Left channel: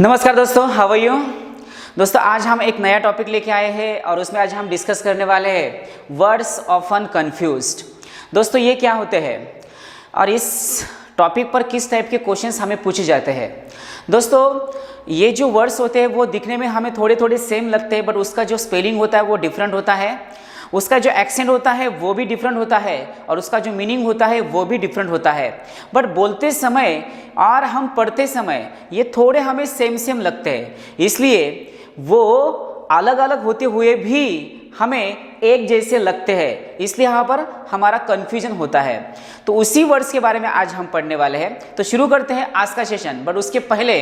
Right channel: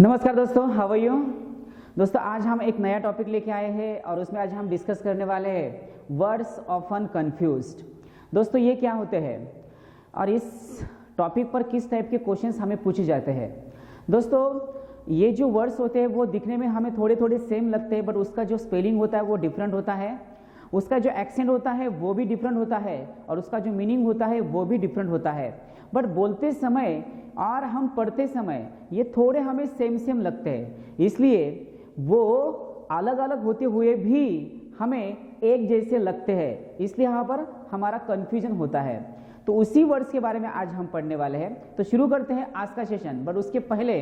नमस्कार दोस्तों, how are you. दोस्तों आज हम एक नया टॉपिक लेके आए हैं और उसमें आज हम डिस्कस करने वाले हैं वर्ड्स ऑफन कंफ्यूज्ड। दोस्तों ये क्या होते हैं और इस टॉपिक पर किस टाइप के क्वेश्चंस हमें पूछे जाते हैं। दोस्तों ये जो वर्ड्स होते हैं वो दिखने में हमें थोड़े थोड़े सेम लगते हैं, बट उसका जो स्पेलिंग होता है वो डिफरेंट होता है, उसका जो एक्सेंट होता है वो भी डिफरेंट होता है और उसका जो मीनिंग होता है वो भी डिफरेंट होता है। बट बोलते समय और हम पढ़ते समय ये थोड़े हमें सेम लगते हैं, इसलिए वो अलग अलग होते हुए भी हमें एक जैसे लगते हैं, इसलिए यहाँ पर हमारा कन्फ्यूजन होता है। तो उसी वर्ड्स के बारे में आज हम पढ़ने वाले हैं। तो शुरू करते हैं आज का सेशन। बट उसके पहले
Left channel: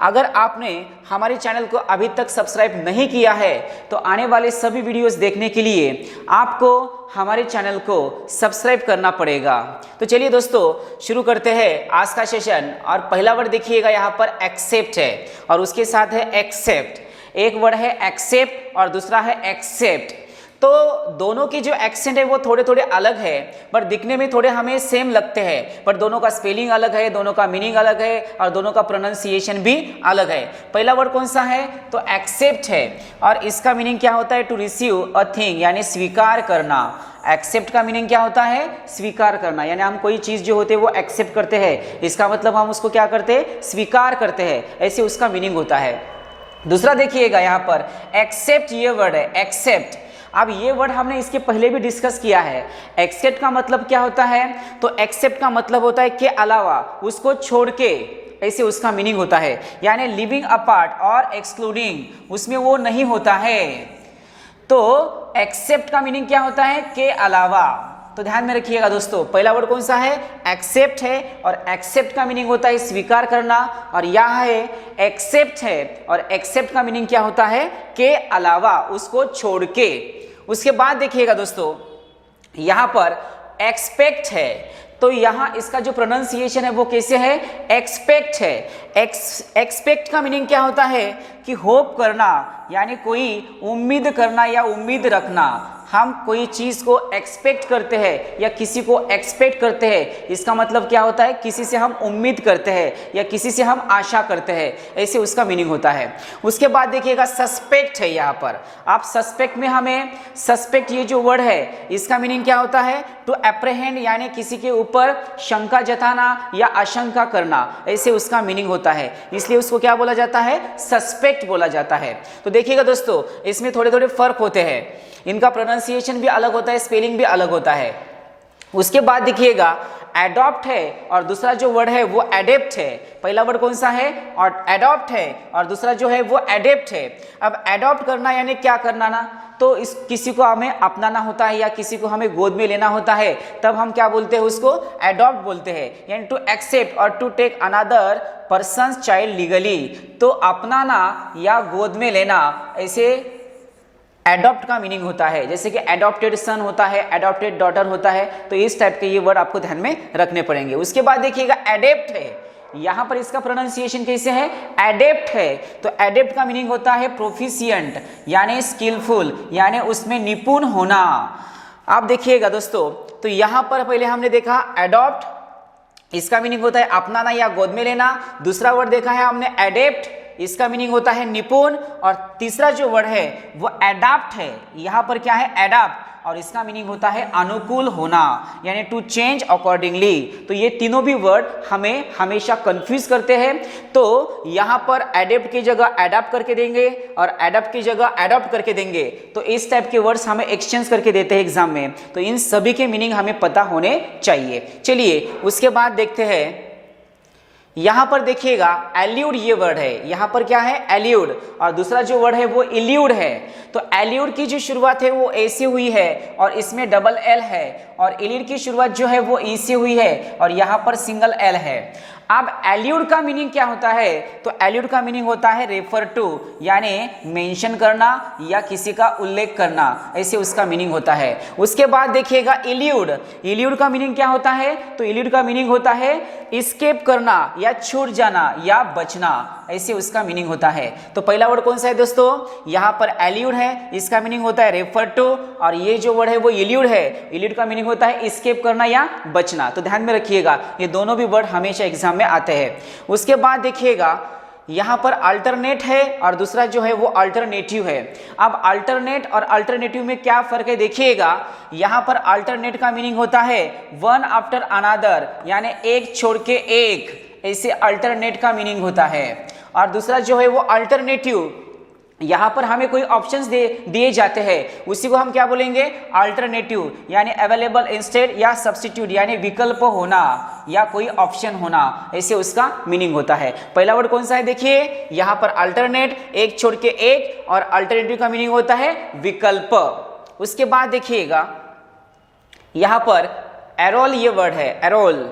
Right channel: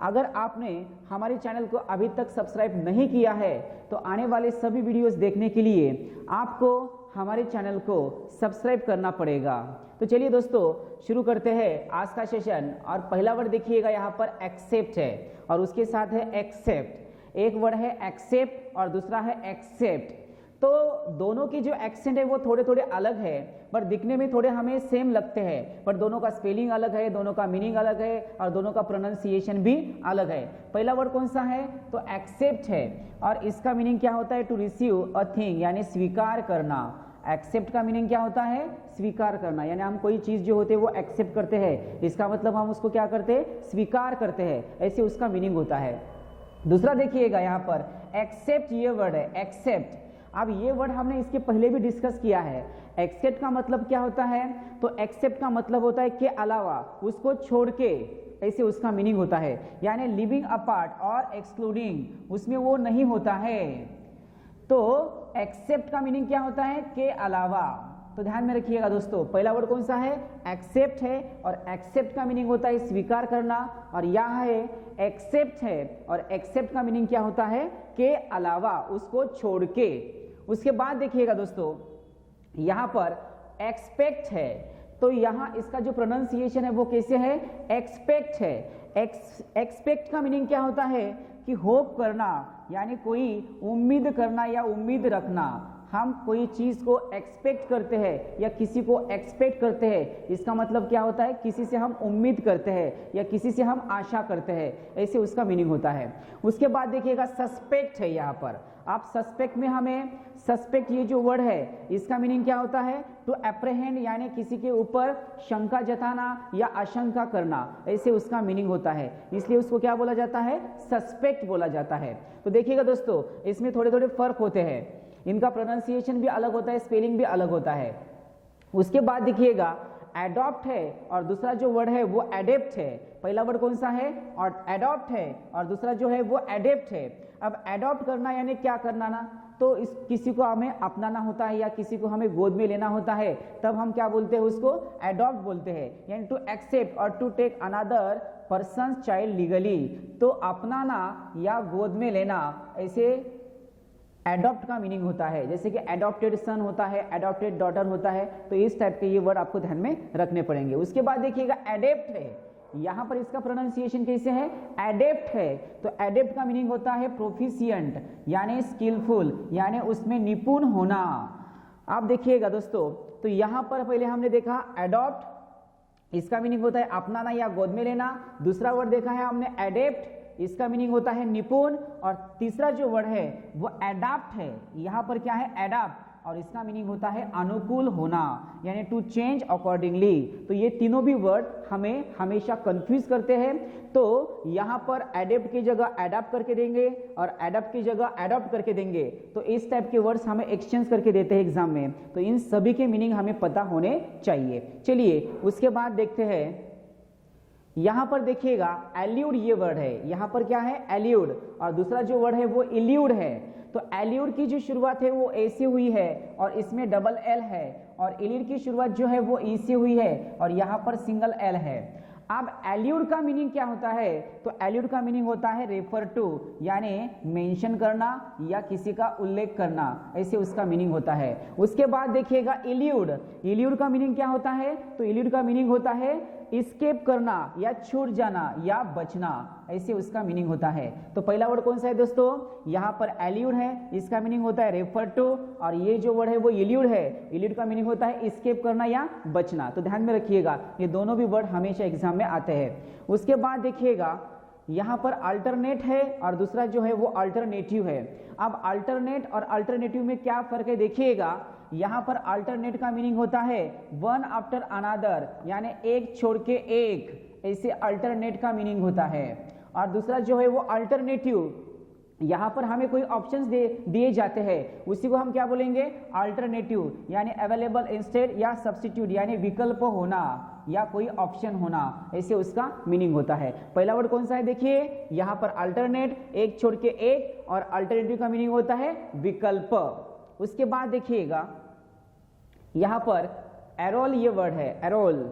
अगर आपने हमारे चैनल को अभी तक सब्सक्राइब नहीं किया है तो आने वाले सभी वीडियोस देखने के लिए आपको हमारे चैनल को सब्सक्राइब करना पड़ेगा। तो चलिए दोस्तों शुरू करते हैं आज का सेशन। और पहला वर्ड देखिएगा यहाँ पर एक्सेप्ट है और उसके साथ है एक्सेप्ट। एक वर्ड है एक्सेप्ट और दूसरा है एक्सेप्ट। तो दोनों की जो एक्सेंट है वो थोड़े थोड़े अलग है, पर दिखने में थोड़े हमें सेम लगते हैं, पर दोनों का स्पेलिंग अलग है, दोनों का मीनिंग अलग है और दोनों का प्रोनाउंसिएशन भी अलग है। पहला वर्ड कौन सा है तो एक्सेप्ट है और इसका मीनिंग क्या होता है टू रिसीव अ थिंग, यानी स्वीकार करना। एक्सेप्ट का मीनिंग क्या होता है स्वीकार करना, यानी हम कोई चीज जो होते है वो एक्सेप्ट करते हैं, इसका मतलब हम उसको क्या करते हैं स्वीकार करते हैं, ऐसे उसका मीनिंग होता है। दूसरा देखिएगा यहाँ पर एक्सेप्ट, ये वर्ड है एक्सेप्ट। अब ये वर्ड हमने इसके पहले भी डिस्कस किया है। एक्सेप्ट का मतलब क्या होता है तो एक्सेप्ट का मतलब होता है के अलावा, उसको छोड़ के, ऐसे उसका मीनिंग होता है, यानी लिविंग अपार्ट और एक्सक्लूडिंग, उसमें वो नहीं होता है। तो एक्सेप्ट का मीनिंग क्या होता है के अलावा। तो ध्यान में रखिएगा दोस्तों, पहला वर्ड कौन सा है एक्सेप्ट है और एक्सेप्ट का मीनिंग होता है स्वीकार करना, और यहाँ है एक्सेप्ट है और एक्सेप्ट का मीनिंग क्या होता है के अलावा, उसको छोड़ के। उसके बाद देखिएगा दोस्तों यहाँ पर एक्सपेक्ट है, तो यहाँ इसका जो प्रोनाउंसिएशन है वो कैसे है एक्सपेक्ट है। एक्सपेक्ट का मीनिंग क्या होता है कि होप करना, यानी कोई उम्मीद करना या उम्मीद रखना। हम कोई चीज को एक्सपेक्ट करते हैं या किसी को एक्सपेक्ट करते हैं, इसका मतलब क्या होता है किसी से हम उम्मीद करते हैं या किसी से हम आशा करते हैं, ऐसे उसका मीनिंग होता है। उसके बाद देखिएगा सस्पेक्ट है। यहाँ पर आप सस्पेक्ट में हमें सस्पेक्ट ये जो वर्ड है इसका मीनिंग क्या होता है टू एप्रहेंड, यानी किसी के ऊपर शंका जताना या आशंका करना, ऐसे उसका मीनिंग होता है, इसलिए उसको क्या बोला जाता है सस्पेक्ट बोला जाता है। तो देखिएगा दोस्तों इसमें थोड़े थोड़े फर्क होते हैं, इनका प्रोनाउंसिएशन भी अलग होता है, स्पेलिंग भी अलग होता है। उसके बाद देखिएगा एडॉप्ट है और दूसरा जो वर्ड है वो एडेप्ट है। पहला वर्ड कौन सा है और एडॉप्ट है और दूसरा जो है वो एडेप्ट है। अब एडॉप्ट करना यानी क्या करना ना, तो इस किसी को हमें अपनाना होता है या किसी को हमें गोद में लेना होता है, तब हम क्या बोलते हैं उसको एडॉप्ट बोलते हैं, यानी टू एक्सेप्ट और to take another person's child legally. तो अपनाना या गोद में लेना, ऐसे एडॉप्ट का मीनिंग होता है। जैसे कि एडॉप्टेड सन होता है, एडॉप्टेड डॉटर होता है, तो इस टाइप के ये वर्ड आपको ध्यान में रखने पड़ेंगे। उसके बाद देखिएगा एडेप्ट है, यहां पर इसका प्रोनाउंसिएशन कैसे है एडेप्ट है। तो एडेप्ट का मीनिंग होता है प्रोफिशिएंट, यानी स्किलफुल, यानी उसमें निपुण होना। आप देखिएगा दोस्तों, तो यहां पर पहले हमने देखा एडॉप्ट, इसका मीनिंग होता है अपनाना या गोद में लेना। दूसरा वर्ड देखा है हमने एडेप्ट, इसका मीनिंग होता है निपुण। और तीसरा जो वर्ड है वो एडाप्ट है, यहां पर क्या है एडाप्ट, और इसका मीनिंग होता है अनुकूल होना, यानी टू चेंज अकॉर्डिंगली। तो ये तीनों भी वर्ड हमें हमेशा कंफ्यूज करते हैं, तो यहां पर एडेप्ट की जगह एडाप्ट करके देंगे और एडाप्ट की जगह एडॉप्ट करके देंगे। तो इस टाइप के वर्ड्स हमें एक्सचेंज करके देते हैं एग्जाम में, तो इन सभी के मीनिंग हमें पता होने चाहिए। चलिए उसके बाद देखते हैं, यहां पर देखिएगा एल्यूड ये वर्ड है, यहां पर क्या है एल्यूड और दूसरा जो वर्ड है वो इल्यूड है। तो एल्यूड की जो शुरुआत है वो ए से हुई है और इसमें डबल एल है, और इल्यूड की शुरुआत जो है वो ई से हुई है और यहां पर सिंगल एल है। अब एल्यूड का मीनिंग क्या होता है तो एल्यूड का मीनिंग होता है रेफर टू, यानी मेंशन करना या किसी का उल्लेख करना, ऐसे उसका मीनिंग होता है। उसके बाद देखिएगा इल्यूड, इल्यूड का मीनिंग क्या होता है तो इल्यूड का मीनिंग होता है एस्केप करना या छूट जाना या बचना, ऐसे उसका मीनिंग होता है। तो पहला वर्ड कौन सा है दोस्तों यहाँ पर एल्यूड है, इसका मीनिंग होता है रेफर टू, और ये जो वर्ड है वो इल्यूड है, इल्यूड का मीनिंग होता है एस्केप करना या बचना। तो ध्यान में रखिएगा ये दोनों भी वर्ड हमेशा एग्जाम में आते हैं। उसके बाद देखिएगा यहाँ पर अल्टरनेट है और दूसरा जो है वो अल्टरनेटिव है। अब अल्टरनेट और अल्टरनेटिव में क्या फर्क है देखिएगा, यहाँ पर अल्टरनेट का मीनिंग होता है वन आफ्टर अनदर, यानी एक छोड़ के एक, ऐसे अल्टरनेट का मीनिंग होता है। और दूसरा जो है वो अल्टरनेटिव, यहाँ पर हमें कोई ऑप्शंस दिए जाते हैं, उसी को हम क्या बोलेंगे, अल्टरनेटिव, यानी अवेलेबल इंस्टेड या सब्स्टिट्यूट, यानी विकल्प होना या कोई ऑप्शन होना, ऐसे उसका मीनिंग होता है। पहला वर्ड कौन सा है देखिए, यहाँ पर अल्टरनेट, एक छोड़ के एक, और अल्टरनेटिव का मीनिंग होता है विकल्प। उसके बाद देखिएगा यहाँ पर एरोल, ये वर्ड है एरोल,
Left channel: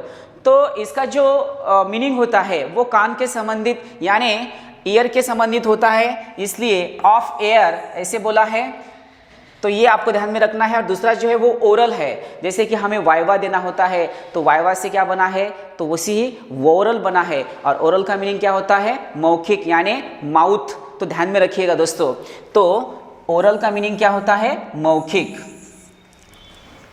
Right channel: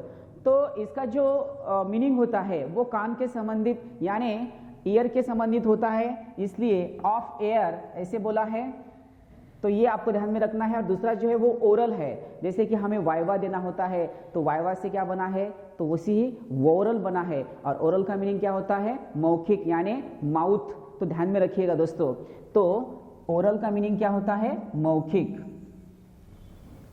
तो इसका जो मीनिंग होता है वो कान के संबंधित यानी ईयर के संबंधित होता है, इसलिए ऑफ एयर ऐसे बोला है, तो ये आपको ध्यान में रखना है। और दूसरा जो है वो ओरल है, जैसे कि हमें वाइवा देना होता है तो वाइवा से क्या बना है, तो उसी ही वोरल बना है, और ओरल का मीनिंग क्या होता है, मौखिक यानी माउथ, तो ध्यान में रखिएगा दोस्तों। तो ओरल का मीनिंग क्या होता है, मौखिक।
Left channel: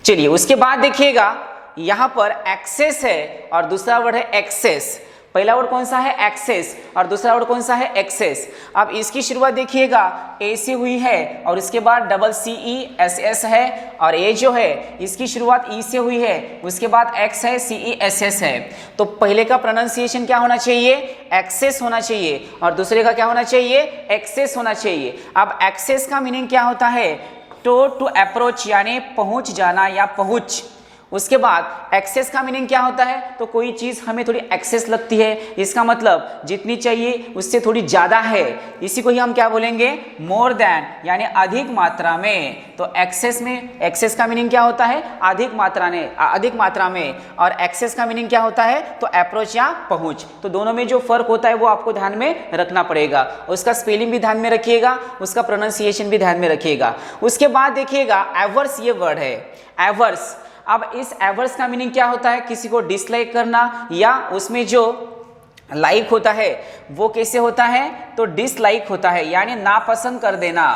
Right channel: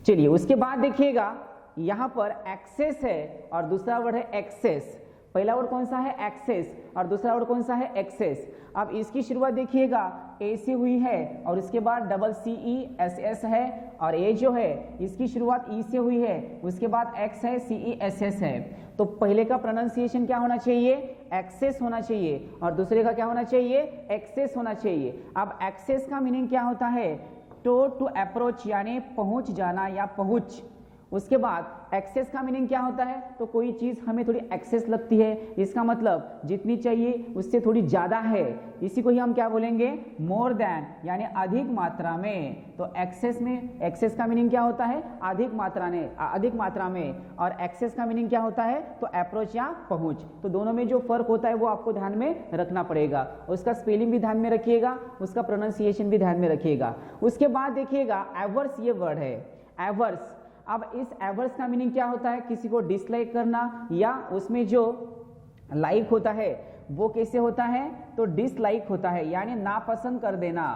चलिए उसके बाद देखिएगा यहाँ पर एक्सेस है और दूसरा वर्ड है एक्सेस। पहला वर्ड कौन सा है, एक्सेस, और दूसरा वर्ड कौन सा है, एक्सेस। अब इसकी शुरुआत देखिएगा ए से हुई है और इसके बाद डबल CESS है, और ए जो है इसकी शुरुआत ई से हुई है, उसके बाद एक्स है, CESS है। तो पहले का प्रोनाउंसिएशन क्या होना चाहिए, एक्सेस होना चाहिए, और दूसरे का क्या होना चाहिए, एक्सेस होना चाहिए। अब एक्सेस का मीनिंग क्या होता है, टू अप्रोच यानी पहुंच जाना या पहुंच। उसके बाद एक्सेस का मीनिंग क्या होता है, तो कोई चीज़ हमें थोड़ी एक्सेस लगती है, इसका मतलब जितनी चाहिए उससे थोड़ी ज़्यादा है, इसी को ही हम क्या बोलेंगे, मोर देन, यानी अधिक मात्रा में। तो एक्सेस में, एक्सेस का मीनिंग क्या होता है, अधिक मात्रा में, और एक्सेस का मीनिंग क्या होता है, तो अप्रोच या पहुंच। तो दोनों में जो फर्क होता है वो आपको ध्यान में रखना पड़ेगा, उसका स्पेलिंग भी ध्यान में रखिएगा, उसका प्रोनाउंसिएशन भी ध्यान में रखिएगा। उसके बाद देखिएगा एवर्स, ये वर्ड है एवर्स। अब इस एवर्स का मीनिंग क्या होता है, किसी को डिसलाइक करना, या उसमें जो लाइक होता है वो कैसे होता है, तो डिसलाइक होता है, यानी नापसंद कर देना,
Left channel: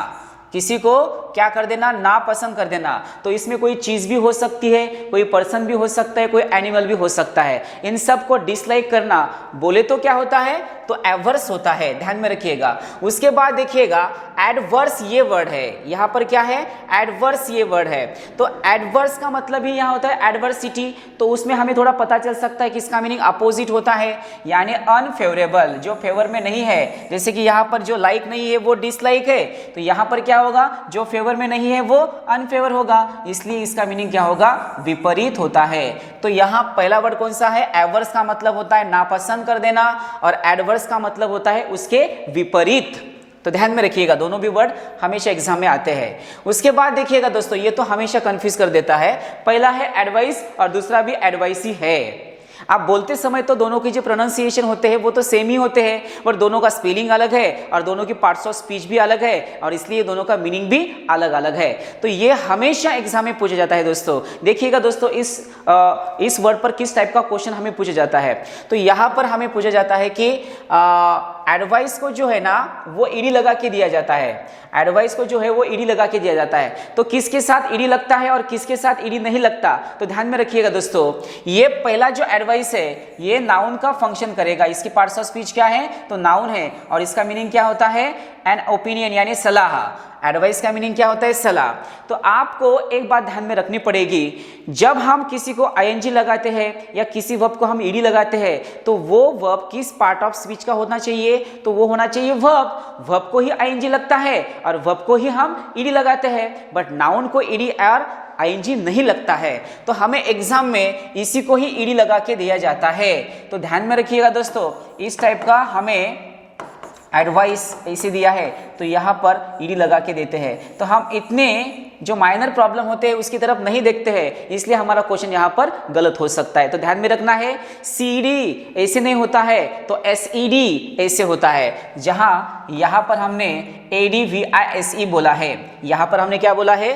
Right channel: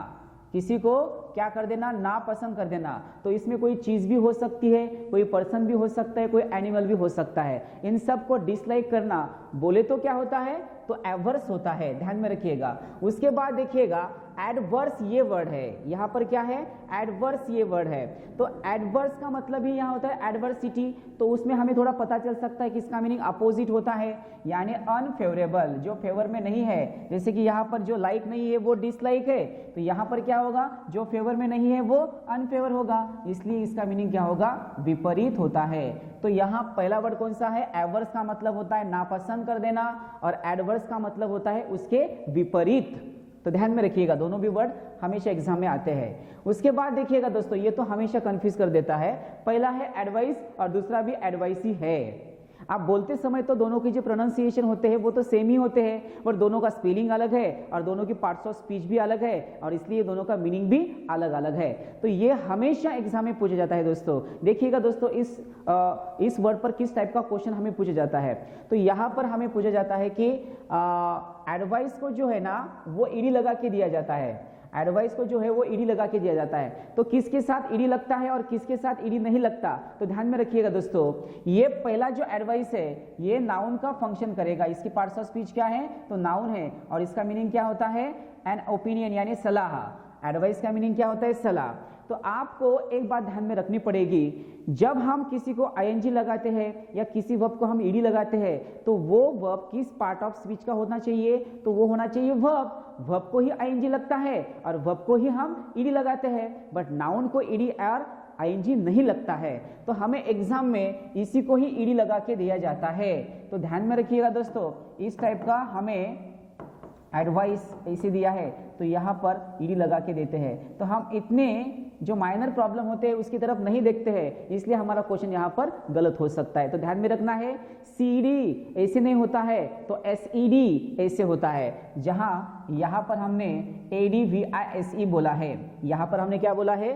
किसी को क्या कर देना, नापसंद कर देना। तो इसमें कोई चीज भी हो सकती है, कोई पर्सन भी हो सकता है, कोई एनिमल भी हो सकता है, इन सब को डिसलाइक करना बोले तो क्या होता है, तो एवर्स होता है, ध्यान में रखिएगा। उसके बाद देखिएगा एडवर्स, ये वर्ड है, यहाँ पर क्या है, एडवर्स ये वर्ड है। तो एडवर्स का मतलब ही यहाँ होता है एडवर्सिटी, तो उसमें हमें थोड़ा पता चल सकता है कि इसका मीनिंग अपोजिट होता है, यानी अनफेवरेबल, जो फेवर में नहीं है। जैसे कि यहाँ पर जो लाइक नहीं है वो डिसलाइक है, तो यहाँ पर क्या होगा, जो फेवर में नहीं है वो अनफेवर होगा, इसलिए इसका मीनिंग क्या होगा, विपरीत होता है। तो यहाँ पहला वर्ड कौन सा है, एवर्स का मतलब होता है नापसंद कर देना, और एडवर्स का मतलब होता है उसके विपरीत। तो ध्यान में रखिएगा, दोनों भी वर्ड हमेशा एग्जाम में आते हैं। उसके बाद देखिएगा दोस्तों, ये तो हमेशा कंफ्यूज कर देता है, पहला है एडवाइस और दूसरा भी एडवाइस ही है। आप बोलते समय तो दोनों के जो प्रोनाउंसिएशन होते हैं वो तो सेम ही होते हैं, पर दोनों का स्पेलिंग अलग है और दोनों की पार्ट्स ऑफ स्पीच भी अलग है, और इसलिए दोनों का मीनिंग भी अलग अलग है। तो ये हमेशा एग्जाम में पूछा जाता है दोस्तों। देखिएगा दोस्तों, इस वर्ड पर किस टाइप का क्वेश्चन हमें पूछा जाता है, तो यहाँ पर हमें पूछा जाता है कि एडवाइस को जो है ना वो ईडी लगा के दिया जाता है, एडवाइस को जो है वो ईडी लगा के दिया जाता है, तो किसके साथ ईडी लगता है और किसके साथ ईडी नहीं लगता, तो ध्यान में रखिएगा दोस्तों। ये पहला जो एडवाइस है ये नाउन का फंक्शन करेगा, इसकी पार्ट्स ऑफ स्पीच क्या है, तो नाउन है, और इसका मीनिंग क्या होता है, एन ओपिनियन यानी सलाह। एडवाइस का मीनिंग क्या होता है, सलाह। तो आपको एक बात ध्यान में रखनी पड़ेगी, जब हम किसी को आईएनजी लगाते हैं या किसी वर्ब को हम ईडी लगाते हैं, तो वो वर्ब किस पार्ट ऑफ स्पीच का होना चाहिए, तो वो होना चाहिए वर्ब। वर्ब को ही आईएनजी लगता है और वर्ब को ही हम ईडी लगाते हैं, बट नाउन को ईडी और आईएनजी नहीं लगता है, तो हमें एग्जाम में इसी को ही ईडी लगा के दिया जाता है। तो ध्यान में रखिएगा दोस्तों, इस टाइप का हमें एडवाइस ऐसे दिया है तो यहाँ पर ईडी लगा के देते हैं। तो हम इतने जो माइनर प्रॉब्लम होते हैं उसकी तरफ नहीं देखते हैं, इसलिए हमारा क्वेश्चन यहाँ पर गलत हो सकता है। तो ध्यान में रखना है, सीडी ऐसे नहीं होता है तो एसईडी ऐसे होता है। जहाँ यहाँ पर हमने ADVISE बोला है, यहाँ पर हमने क्या बोला है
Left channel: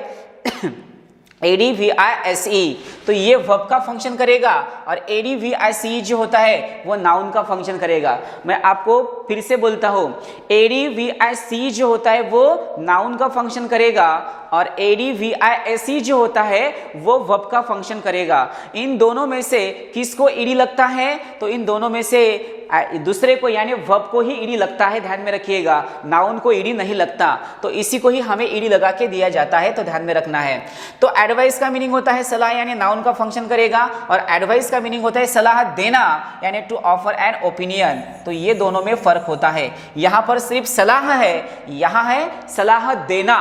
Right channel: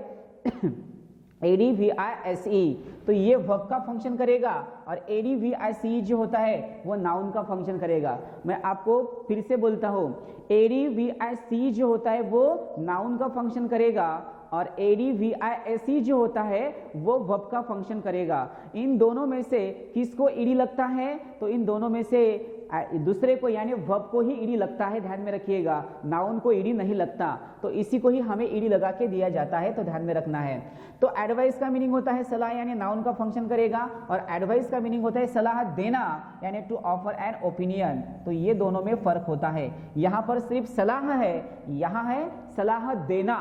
ADVISE, तो ये वर्ब का फंक्शन करेगा और ADVICE जो होता है वो नाउन का फंक्शन करेगा। मैं आपको फिर से बोलता हूँ, ADVICE जो होता है वो नाउन का फंक्शन करेगा और ADVISE जो होता है वो वर्ब का फंक्शन करेगा। इन दोनों में से किसको ईडी लगता है? तो इन दोनों में से दूसरे को यानी वर्ब को ही ईडी लगता है, ध्यान में रखिएगा, नाउन को ईडी नहीं लगता, तो इसी को ही हमें ईडी लगा के दिया जाता है, तो ध्यान में रखना है। तो एडवाइस का मीनिंग होता है सलाह, यानी नाउन का फंक्शन करेगा, और एडवाइस का मीनिंग होता है सलाह देना, यानी टू ऑफर एन ओपिनियन। तो ये दोनों में फर्क होता है। यहाँ पर सिर्फ सलाह है, यहाँ है सलाह देना,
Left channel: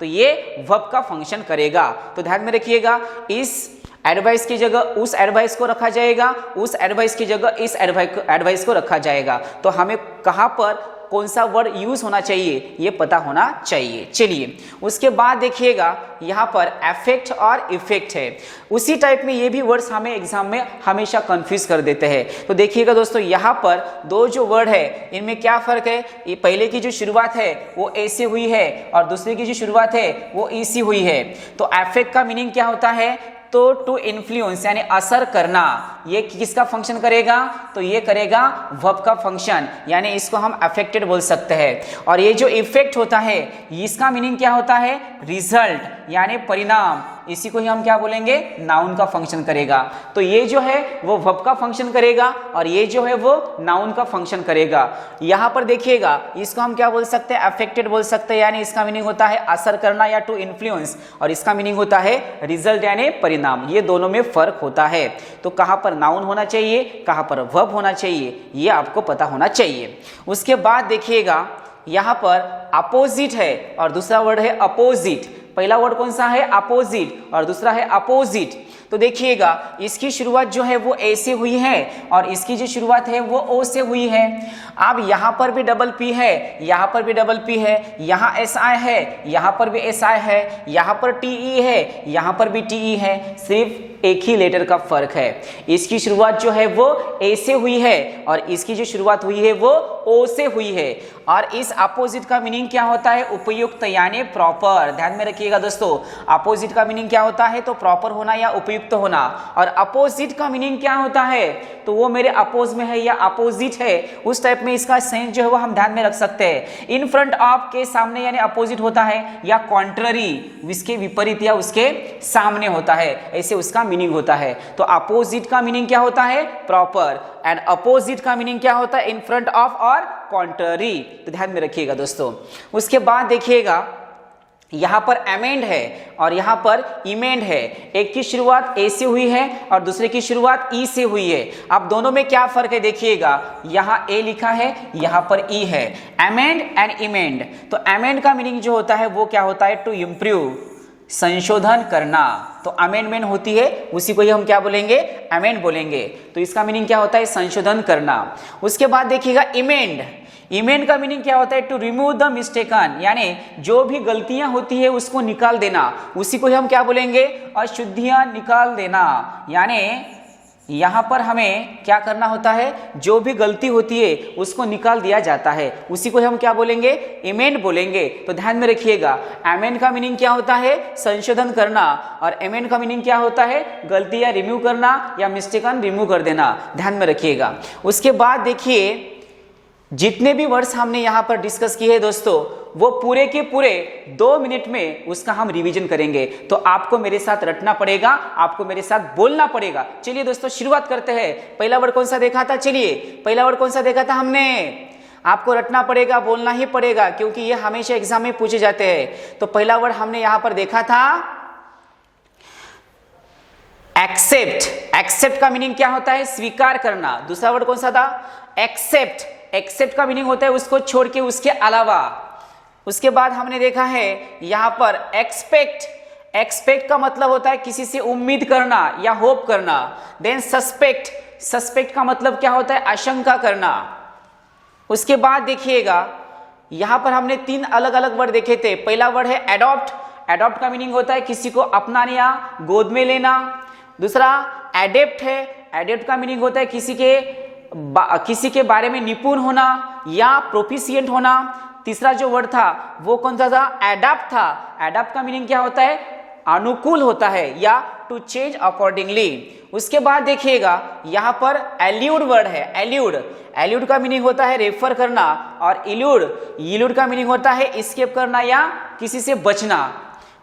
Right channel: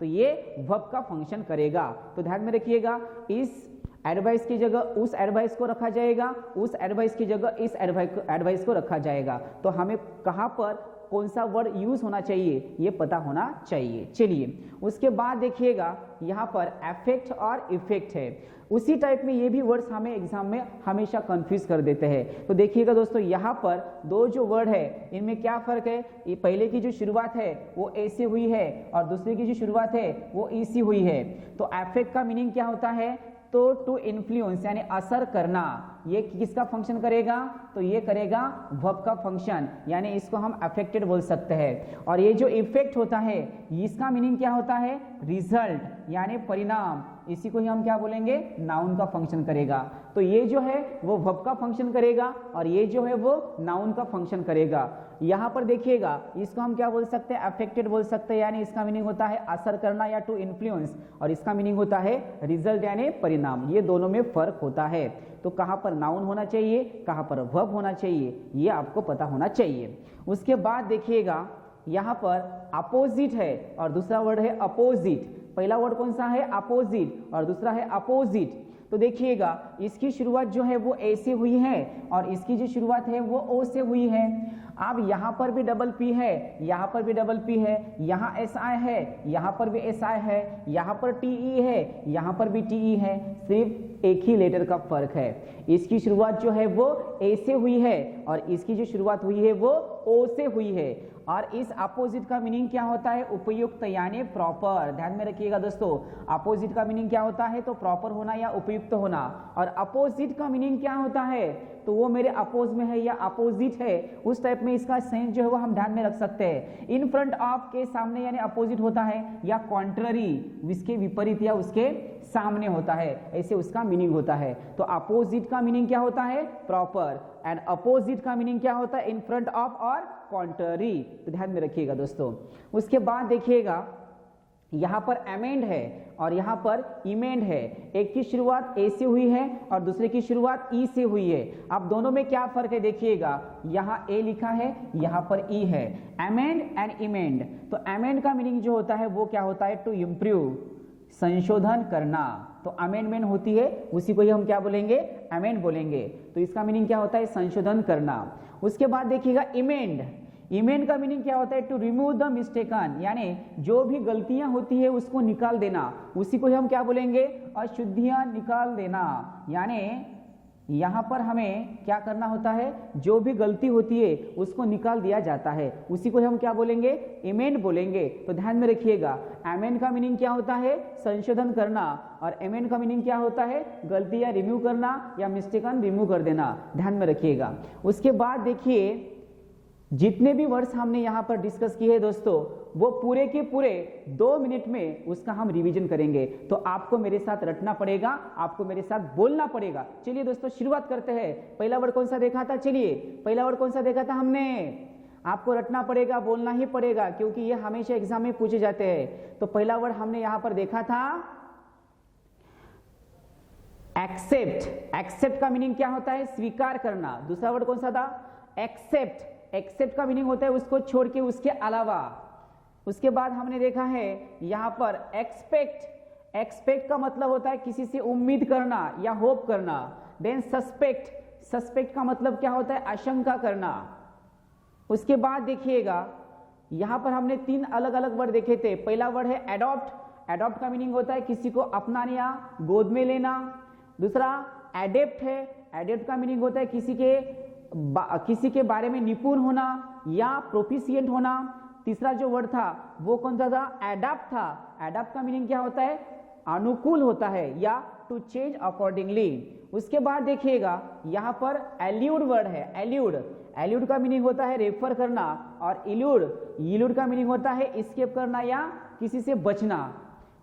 तो ये वर्ब का फंक्शन करेगा। तो ध्यान में रखिएगा, इस एडवाइस की जगह उस एडवाइस को रखा जाएगा, उस एडवाइस की जगह इस एडवाइस को रखा जाएगा। तो हमें कहाँ पर कौन सा वर्ड यूज होना चाहिए ये पता होना चाहिए। चलिए उसके बाद देखिएगा, यहाँ पर अफेक्ट और इफेक्ट है। उसी टाइप में ये भी वर्ड्स हमें एग्जाम में हमेशा कंफ्यूज कर देते हैं। तो देखिएगा दोस्तों, यहाँ पर दो जो वर्ड है इनमें क्या फर्क है? ये पहले की जो शुरुआत है वो ए से हुई है और दूसरे की जो शुरुआत है वो ई से हुई है। तो अफेक्ट का मीनिंग क्या होता है? तो टू इन्फ्लुएंस यानी असर करना। ये किसका फंक्शन करेगा? तो ये करेगा वर्ब का फंक्शन, यानी इसको हम अफेक्टेड बोल सकते हैं। और ये जो इफेक्ट होता है इसका मीनिंग क्या होता है? रिजल्ट यानी परिणाम। इसी को ही हम क्या बोलेंगे? नाउन का फंक्शन करेगा। तो ये जो है वो वर्ब का फंक्शन करेगा और ये जो है वो नाउन का फंक्शन करेगा। यहाँ पर देखिएगा, इसको हम क्या बोल सकते हैं? अफेक्टेड बोल सकते हैं, यानी इसका मीनिंग होता है असर करना या टू इन्फ्लुएंस, और इसका मीनिंग होता है रिजल्ट यानी परिणाम। ये दोनों में फर्क होता है। तो कहाँ पर नाउन होना चाहिए, कहाँ पर वर्ब होना चाहिए, ये आपको पता होना चाहिए। उसके बाद देखिएगा, यहाँ पर अपोजिट है और दूसरा वर्ड है अपोजिट। पहला वर्ड कौन सा है? अपोजिट, और दूसरा है अपोजिट। तो देखिएगा, इसकी शुरुआत जो है वो ए से हुई है और इसकी जो शुरुआत है वो ओ से हुई है। अब यहाँ पर भी डबल पी है, यहाँ पर भी डबल पी है, यहाँ एस आई है, यहाँ पर भी एस आई है, यहाँ पर टी ई है, यहाँ पर भी टी ई है, सिर्फ एक ही लेटर का फर्क है। इसकी शुरुआत जो है वो ए से हुई है और इसकी जो शुरुआत हुई है वो ओ से हुई है। और इस अपोजिट का मीनिंग क्या होता है? उपयुक्त यानी प्रॉपर। ध्यान में रखिएगा दोस्तों, अपोजिट का मीनिंग क्या होता है? तो प्रॉपर होना या उपयुक्त होना। और अपोजिट का मीनिंग क्या होता है? तो वो मेरे अपोज में है या अपोजिट है, उस टाइप में इसका सेंस जो है वो हम ध्यान में रख सकते हैं। इन फ्रंट ऑफ के सामने यानी अपोजिट होता है, या कॉन्ट्ररी इसके विपरीत या उसके सामने होता है, ऐसे उसका मीनिंग होता है। तो अपोजिट का मीनिंग क्या होता है? प्रॉपर। एंड अपोजिट का मीनिंग क्या होता है? इन फ्रंट ऑफ और कॉन्ट्ररी। तो ध्यान में रखिएगा दोस्तों। उसके बाद देखिएगा, यहाँ पर अमेंड है और यहाँ पर इमेंड है। एक की शुरुआत ए से हुई है और दूसरे की शुरुआत ई से हुई है। अब दोनों में क्या फर्क है? देखिएगा, यहाँ ए लिखा है, यहाँ पर ई है। Amend and emend. तो अमेंड का मीनिंग जो होता है वो क्या होता है? टू इम्प्रूव, संशोधन करना। तो अमेंडमेंट होती है, उसी को ही हम क्या बोलेंगे? अमेंड बोलेंगे। तो इसका मीनिंग क्या होता है? संशोधन करना। उसके बाद देखिएगा इमेंड। इमेंड का मीनिंग क्या होता है? टू रिमूव द मिस्टेकन, यानी जो भी गलतियां होती है उसको निकाल देना, उसी को ही हम क्या बोलेंगे? अशुद्धियां निकाल देना। यानी यहाँ पर हमें क्या करना होता है? जो भी गलती होती है उसको निकाल दिया जाता है, उसी को हम क्या बोलेंगे? इमेंड बोलेंगे। तो ध्यान में रखिएगा, अमेंड का मीनिंग क्या होता है? संशोधन करना, और इमेंड का मीनिंग क्या होता है? गलतियां रिमूव करना या मिस्टेकन रिमूव कर देना। ध्यान में रखिएगा। उसके बाद देखिए, जितने भी वर्ड्स हमने यहाँ पर डिस्कस किए हैं दोस्तों, वो पूरे के पूरे 2 मिनट में उसका हम रिवीजन करेंगे। तो आपको मेरे साथ रटना पड़ेगा, आपको मेरे साथ बोलना पड़ेगा। चलिए दोस्तों शुरुआत करते हैं। पहला वर्ड कौन सा देखा था? चलिए पहला वर्ड कौन सा देखा था हमने? आपको रटना पड़ेगा, बोलना ही पड़ेगा, क्योंकि ये हमेशा एग्जाम में पूछे जाते हैं। तो पहला वर्ड हमने यहाँ पर देखा था एक्सेप्ट। एक्सेप्ट का मीनिंग क्या होता है? स्वीकार करना। दूसरा वर्ड कौन सा था? एक्सेप्ट। एक्सेप्ट का मीनिंग होता है उसको छोड़ के, उसके अलावा। उसके बाद हमने देखा है यहां पर एक्सपेक्ट। एक्सपेक्ट का मतलब होता है किसी से उम्मीद करना या होप करना। Then suspect. सस्पेक्ट का मतलब क्या होता है? आशंका करना। उसके बाद देखिएगा, यहां पर हमने 3 अलग अलग वर्ड देखे थे। पहला वर्ड है एडॉप्ट। एडॉप्ट का मीनिंग होता है किसी को अपनाना या गोद में लेना। दूसरा एडेप्ट है। एडेप्ट का मीनिंग होता है किसी के बारे में निपुण होना या प्रोफिशिएंट होना। तीसरा जो वर्ड था वो कौन सा था? एडाप्ट था। एडाप्ट का मीनिंग क्या होता है? अनुकूल होता है या टू चेंज अकॉर्डिंगली। उसके बाद देखिएगा यहाँ पर एल्यूड वर्ड है, एल्यूड। एल्यूड का मीनिंग होता है रेफर करना, और इल्यूड का मीनिंग होता है एस्केप करना या किसी से बचना।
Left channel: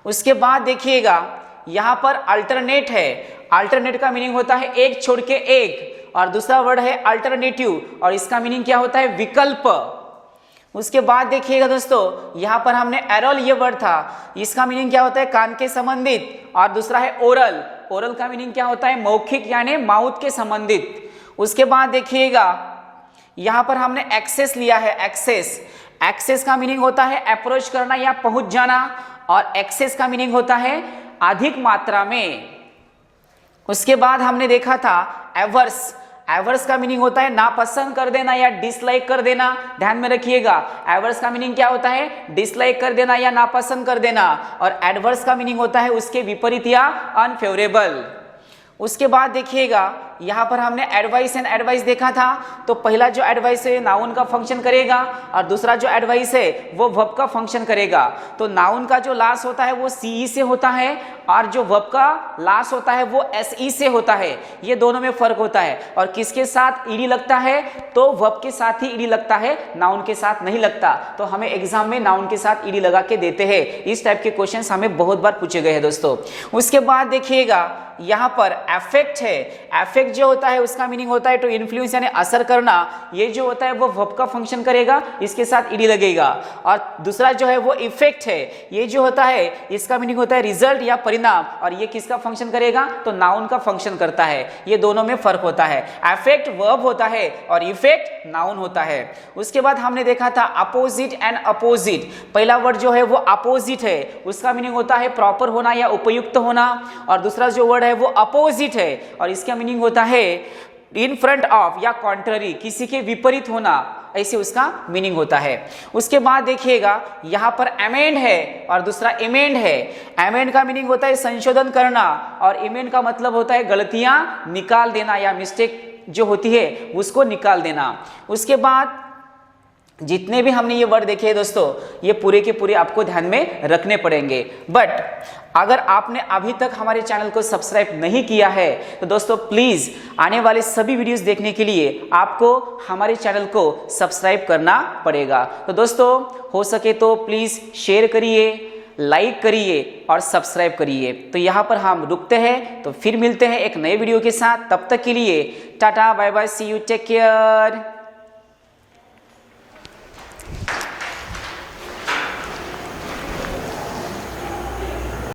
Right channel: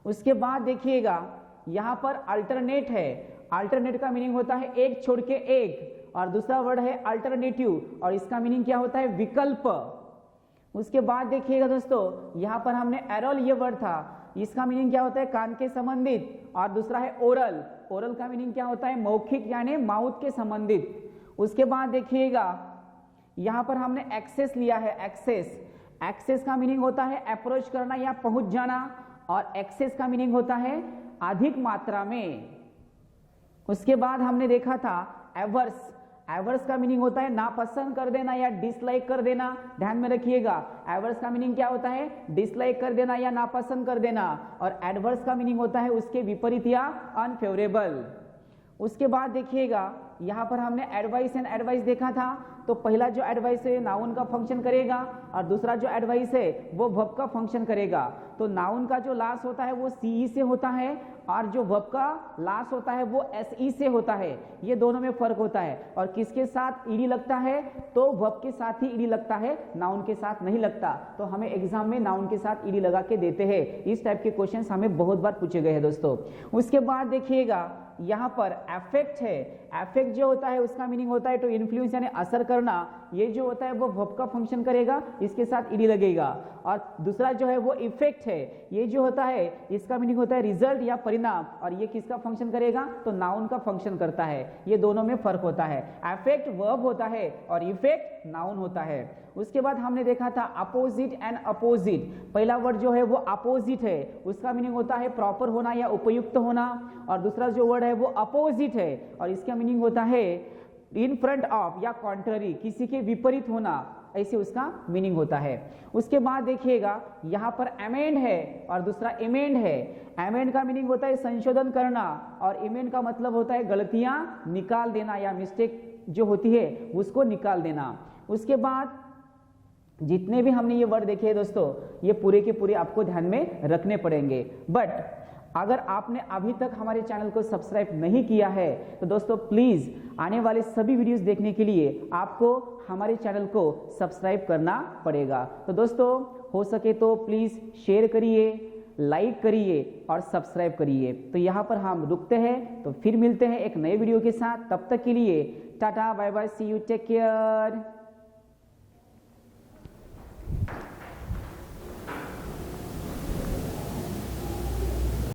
उसके बाद देखिएगा यहाँ पर अल्टरनेट है। अल्टरनेट का मीनिंग होता है एक छोड़ के एक, और दूसरा वर्ड है अल्टरनेटिव, और इसका मीनिंग क्या होता है विकल्प। उसके बाद देखिएगा दोस्तों यहाँ पर हमने एरोल ये वर्ड था, इसका मीनिंग क्या होता है कान के संबंधित, और दूसरा है ओरल। ओरल का मीनिंग क्या होता है मौखिक यानी माउथ के संबंधित। उसके बाद देखिएगा यहाँ पर हमने एक्सेस लिया है, एक्सेस। एक्सेस का मीनिंग होता है अप्रोच करना या पहुंच जाना, और एक्सेस का मीनिंग होता है अधिक मात्रा में। उसके बाद हमने देखा था एवर्स। एवर्स का मीनिंग होता है नापसंद कर देना या डिसलाइक कर देना। ध्यान में रखिएगा, एवर्स का मीनिंग क्या होता है डिसलाइक कर देना या नापसंद कर देना, और एडवर्स का मीनिंग होता है उसके विपरीत या अनफेवरेबल। उसके बाद देखिएगा यहाँ पर हमने एडवाइस एंड एडवाइस देखा था। तो पहला जो एडवाइस है नाउन का फंक्शन करेगा, और दूसरा जो एडवाइस है वो वर्ब का फंक्शन करेगा। तो नाउन का जो लास्ट होता है वो सी से होता है, और जो वर्ब का लास्ट होता है वो एसई से होता है। ये दोनों में फर्क होता है। और किसके साथ ईडी लगता है, तो वर्ब के साथ ही ईडी लगता है, नाउन के साथ नहीं लगता। तो हमें एग्जाम में नाउन के साथ ईडी लगा के देते हैं। इस टाइप के क्वेश्चंस हमें बहुत बार पूछे गए हैं दोस्तों। उसके बाद देखिएगा यहाँ पर अफेक्ट है। अफेक्ट जो होता है उसका मीनिंग होता है टू इन्फ्लुएंस यानी असर करना। ये जो होता है वो वर्ब का फंक्शन करेगा, इसके साथ ईडी लगेगा। और दूसरा जो है वो इफेक्ट है। ये जो होता है इसका मीनिंग होता है रिजल्ट या परिणाम, और ये किसका फंक्शन करेगा, तो नाउन का फंक्शन करता है। ये दोनों में फर्क होता है। अफेक्ट वर्ब होता है और इफेक्ट नाउन होता है। उसके बाद हमने देखा था अपोजिट एंड अपोजिट। पहला वर्ड जो है वो अपोजिट है, उसका मीनिंग होता है प्रॉपर होना या उपयुक्त होना, और दूसरा जो वर्ड है वो अपोजिट है, और इसका मीनिंग होता है इन फ्रंट ऑफ या कॉन्ट्ररी, किसी के विपरीत होना, ऐसे उसका मीनिंग होता है। उसके बाद देखिएगा यहाँ पर अमेंड है और दूसरा इमेंड है। अमेंड का मीनिंग होता है संशोधन करना, और इमेंड का मतलब होता है गलतियां निकाल देना या मिस्टेक जो होती है उसको निकाल देना। उसके बाद जितने भी हमने ये वर्ड देखे हैं दोस्तों, ये पूरे के पूरे आपको ध्यान में रखने पड़ेंगे। बट अगर आपने अभी तक हमारे चैनल को सब्सक्राइब नहीं किया है तो दोस्तों प्लीज़ आने वाले सभी वीडियोस देखने के लिए आपको हमारे चैनल को सब्सक्राइब करना पड़ेगा। तो दोस्तों हो सके तो प्लीज़ शेयर करिए, लाइक करिए और सब्सक्राइब करिए। तो यहाँ पर हम रुकते हैं, तो फिर मिलते हैं एक नए वीडियो के साथ। तब तक के लिए tata bye bye, see you, take care.